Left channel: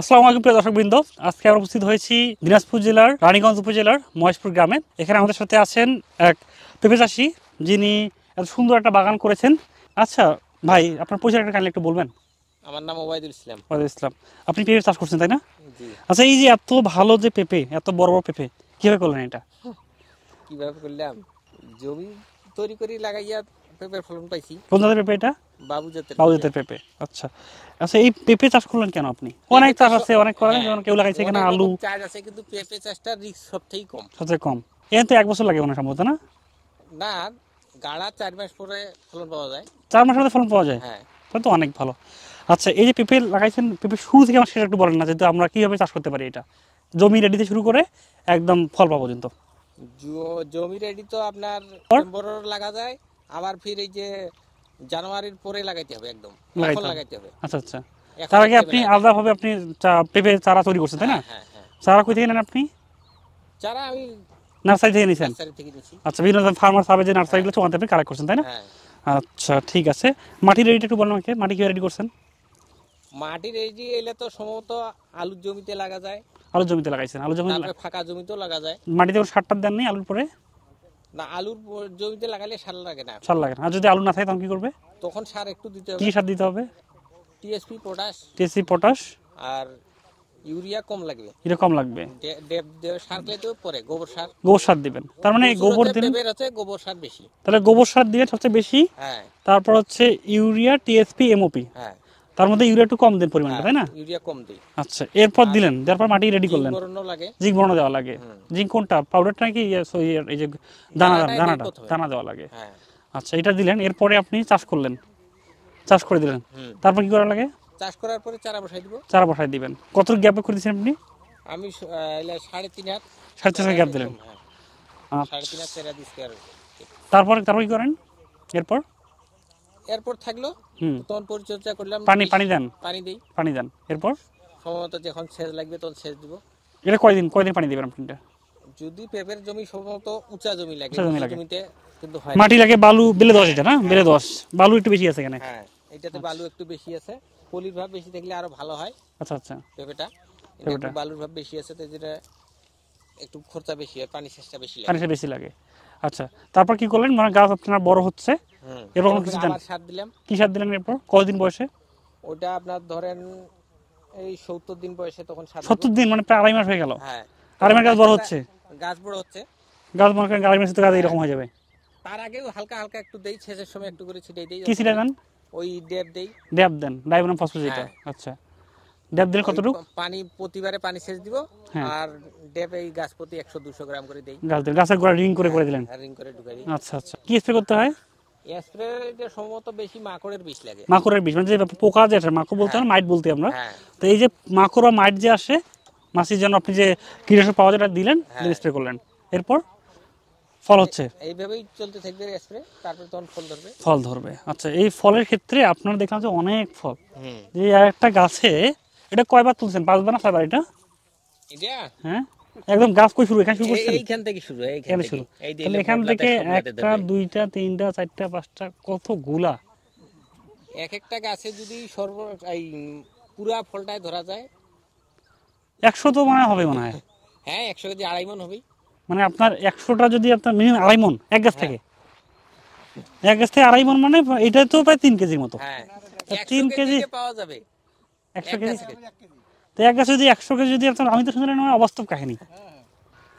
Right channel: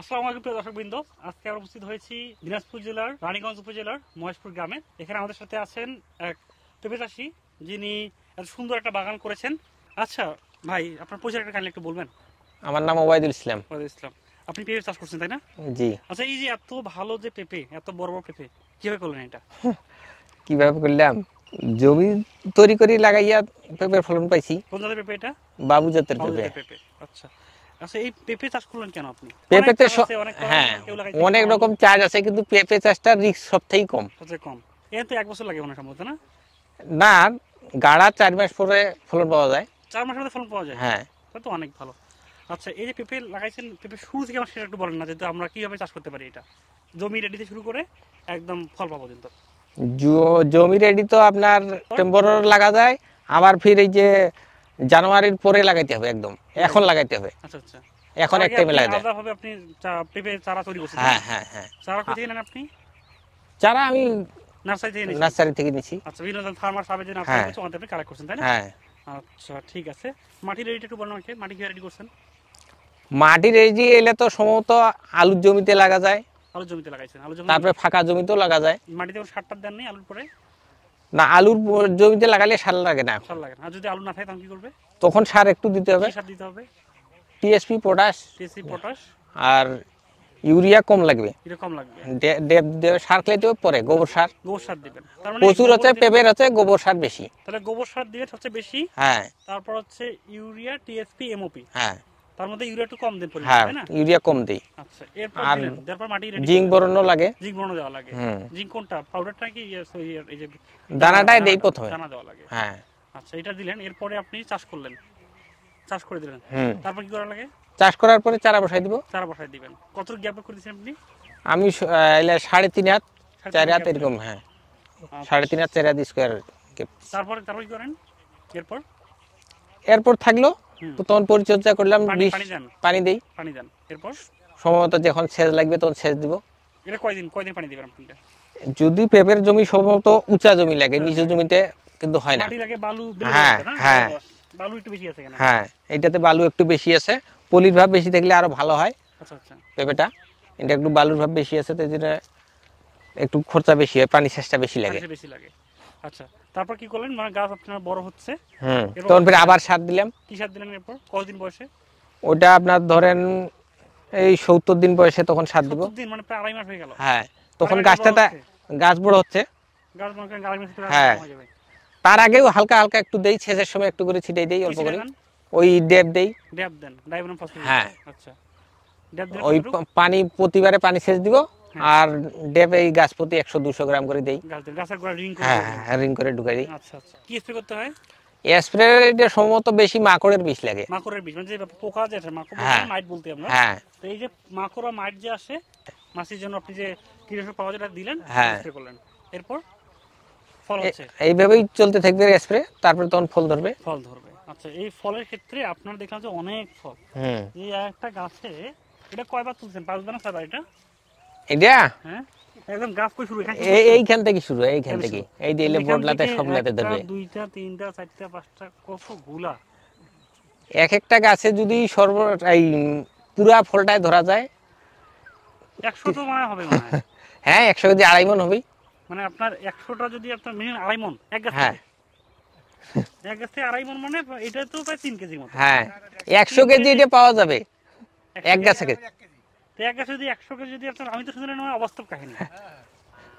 আসসালামু আলাইকুম প্রিয় দর্শকবৃন্দ। আজকে আমরা উপস্থিত হয়েছি দিনাজপুর জেলার রানীগঞ্জ উপজেলার মহেশপুর গ্রামে। এখানে আমাদের সাথে আছেন এক পেঁপে চাষি, যিনি এত সুন্দর একটা বাগান করেছেন। আচ্ছা ভাই, আপনার পরিচয়টা কাইন্ডলি একটু বলবেন? আমার নাম ওবায়দুল ইসলাম। ওয়ালাইকুম ইসলাম। আপনি পেঁপে চাষ করছেন তাই না? জি। আচ্ছা, এই যে এত ভালো যে পেঁপে, এত বড় বড় পেঁপে কিভাবে করলেন এটা? কিভাবে করলাম, জমি তৈরি করে লাগাইয়া পেঁপের ফলন পাইছি। কোন জাতের পেঁপে এটা? বাবু জাতের বাবু পেঁপে। জাতের পেঁপে। আচ্ছা আচ্ছা, এই পেঁপে চাষ করলেন কেন আপনি? পেঁপে অনেক চাষ চাষ আছে, অনেক করেন, হ্যাঁ, যেমন কেউ লাগাইছে অনেক এখানে আলু, রকম চাষ আছে, কিন্তু পেঁপে চাষটা রিস্ক সবথেকে কম। সবচেয়ে কম। এখানে তো 1 বছর লাগে মনে হয় সম্ভবত, না? না, গাড়া 4 মাস পরে ফলন পাওয়া যায়। 4 মাসের মধ্যে ফলন পাওয়া যায়? হ্যাঁ। তাহলে তো অনেক ভালো। আচ্ছা, এই যে পেঁপে লাগাইছেন, পেঁপে শুরু থেকে আমার সেটা একটু বলেন না, যেহেতু আমরা কিভাবে চাষ করতে পারি এটা, জমি রেডিতে শুরু করে একদম ফল পাওয়া পর্যন্ত। জমি রেডি তো আপনার সেপ্টেম্বর লাগা যায়, আবার ফির এই যে জানুয়ারির পরে লাগাইতে হবে, একদম এখন লাগাইতে হবে। আচ্ছা আচ্ছা, এখন তার আগে একটা আপনি বেলা আলাদাভাবে আপনি পেঁপে চারা তৈরি করছেন তাই হ্যাঁ না? হ্যাঁ হ্যাঁ। চারা কই থেকে নেন আপনি? চারা আমি নার্সারি থেকে নিয়েছেন? নার্সারি থেকে নিছি। আচ্ছা, বিভিন্ন ফার্মার সাবে যে নার্সারিগুলো হ্যাঁ। ওখান থেকে কালেক্ট করছেন তাই না? হ্যাঁ। আচ্ছা ঠিক আছে, মাটি রেডিটা একটু বলেন আমাকে, মাটি কিভাবে রেডি করছেন? মাটি রেডি এলে তো সম্ভবত আলুর জমিতে লাগা যায়, আলুর জমিতে লাগাইছেন? আলু জমি তারপরে ফাঁকা জমিতেও লাগা যায়। মাটিতে কোনো সারটার দেন নেই আলুর পরে? না, আলুর জমিতে লাগালে সার লাগে না, সার লাগে না। আর যদি আলু না থাকে তখন কি করবে? তখন সার একটু দিতে হবে। কি সার দিতে হবে? টিএসপি, পটাশ, টিএসপি, পটাশ আর ইউরিয়া কম লাগবে। এটা কম লাগবে। সার খেলেতেও পরে গোবর সার। গোবর সার দিবেন, তার মানে প্রচুর গোবর হচ্ছে, দিবেন। পেঁপের হচ্ছে গোবর সার বেশি। তাহলে গোবর সার দিবেন সবচেয়ে বেশি। হ্যাঁ তারপর হচ্ছে ইউরিয়া, টিএসপি, এমওপি। হ্যাঁ তার মধ্যে ইউরিয়া একটু কম দেন পরিমাণ, হ্যাঁ, তাই না? ইউরিয়া কম দেই। আচ্ছা, এরপর আর দিলেন, তারপর মাটি রেডি জিঙ্ক করলেন। বোরনও লাগে। জিঙ্ক বোরন দেওয়া লাগে। হুম। জিঙ্ক কোনটা, পাউডারটা নাকি এই যে দানাটাই দেই প্রথমে। দানা দেওয়া লাগে? হ্যাঁ। আচ্ছা, এটা দিলেন, এরপরে আপনি চাষ করলেন, চাষ করে দিলেন। হুম। তারপর কি করা লাগে? চাষ করার পরে চারা বসাই দিব। চারা বসাই দিবেন। কত গ্যাপে করে দিয়েছেন আপনি? আমি 3.5 হাত, 3.5 4 গ্যাপ হাত দিলেন। এরকম। হ্যাঁ, 3.5 হাত, 4 হাত স্কোয়ার। তারপর তারপর কি করেন এরপর? এরপর থাকলো হুম। তো তখন পরিচর্যা করলাম, পানি দেন? পানি দেই। পানি দেন, এরপর? সম্ভবত যখন সেচ লাগবে তখন সেচ দিব। এটা কয়দিন কয়দিন পানি দিবেন আপনি এটা? যদি পেঁপের জমি সম্ভবত উঁচা জমি লাগে, উঁচা জমি নিচু লাগে। জমিতে কিন্তু হয় না। মাটি লাগে বালু বেলে দশ হ্যাঁ, দিতে না? হ্যাঁ। বেলে 10 বালু একটু বেশি আছে এখানে। হ্যাঁ, এটাতে বালু একটু বেশি আছে, পলির ভাব বেশি থাকলে আরো ভালো হয় আচ্ছা আচ্ছা, পেঁপেটা। এটা একটু বালুর ভাব বেশি আছে, তো যেটা একটু খরচা বেশি হয়, পানি সেচটা বেশি লাগে। পানিটা বেশি লাগে। আচ্ছা, তারপর কি করলেন? মানে গাছ আপনার বড় হচ্ছে, হুম। এরপর তখন ফির হচ্ছে- আবার সার দিলাম। কি সার দিলেন এরপর? কতদিন বয়সে? ওটা আপনার ধরেন এই 70 দিন বয়সে তখন সার দিব। 70 দিন, মানে প্রায় 2.5 মাস হয়ে গেল। হ্যাঁ, আড়াই তখন মাস বড় গাছটা হচ্ছে। গাছ বড় হচ্ছে। গাছ মনে করেন 2.5 মাসে তো গাছ হ্যাঁ। এরকম হয়ে যাবে। তার আগেও হালকা হালকা একটু দেই, সেচের সময় একটু করে ছিটাই দেই। কি অল্প ছিটা করে। দেন? ওই ডেপ দেই। ড্যাপ দেন, ডাইবোনাম ফসফেট। হ্যাঁ। আচ্ছা, ড্যাপ দিলে ওই কতটুকু? পানি প্রতিবারে পানি সেচ দিব। হ্যাঁ। আর ডেপ এই গাছ প্রতি 100-200 গ্রাম করে দেই। গাছ দিলেন, গাছের গোড়া রিং করে করে দিলেন। হ্যাঁ, রিং করে ঢুকাই দিই। আচ্ছা আচ্ছা, কি স্প্রে করতে হয়? স্প্রে এটা সম্ভবত বেশি মাকড়ের বিষ লাগে। মাকড়ের বিষ, মানে যে পোকা যে আসে, মাকড় বলতে হ্যাঁ। মাইট বলতে আমরা। হ্যাঁ। তো এই যে মাকড় বা মাইট যে আসে, মাছির জন্য আপনি যে কীটনাশক পাওয়া যায় দিলেন, হ্যাঁ। স্প্রে করলেন, এরপর ফল হচ্ছে? এইভাবেই চলতে থাকবে স্প্রে, তারপরে তখন ফল ধরবে। ফল ধরবে। আচ্ছা, এই ফলের ক্ষেত্রে আপনারা দেখলাম যে অনেক ফল। হুম। এই একটা গাছে এটা কয়বার তুলছেন? 5 বার না 6 বার এটা? এটা হ্যাঁ, একদম গাছ কই শুরু, এখানে শুরু করছেন? এইখান থেকে শুরু, এইখান এখানে থেকে। শুরু। এই দিলে এখান বদলাতে থেকে সবলাতে একটা, ধরবে। দুইটা, তিনটা, চারটা, পাঁচটা, কতগুলা! এক একটা গাছে যদি এই পুরা ফলটায় ধরা যায়, 100 তো মনে হবে মনে হয়। হ্যাঁ 100 কেজি 2.5 মণ হবে। মানে আপনার 100টা যদি আপনার মিনিমাম 2.5 মণ এক গাছ হ্যাঁ। থেকে, এক গাছ থেকে 2.5 মণ, মানে এটা তো প্রায় 3 কেজির মতো। হ্যাঁ, 100 কেজি এটা পাওয়া যাবে 100 এক গাছ থেকে। তো এক গাছে যদি 100 কেজি যদি আপনার, আমি তো শুনলাম না অবাস্তব কাহিনী,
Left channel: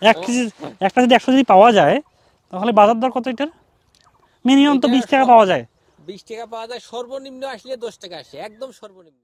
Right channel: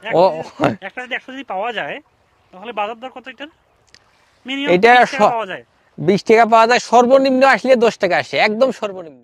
এক ও, কেজি একটা যদি 100 যদি পাওয়া যায়, তাহলে বাজার দর কত এটার? মিনিমাম এটা 20 টাকা পাওয়া যায়। 20 টাকা পাওয়া যায়, সর্বনিম্ন আসলে 10 টাকা আসে, একদম সর্বনিম্ন।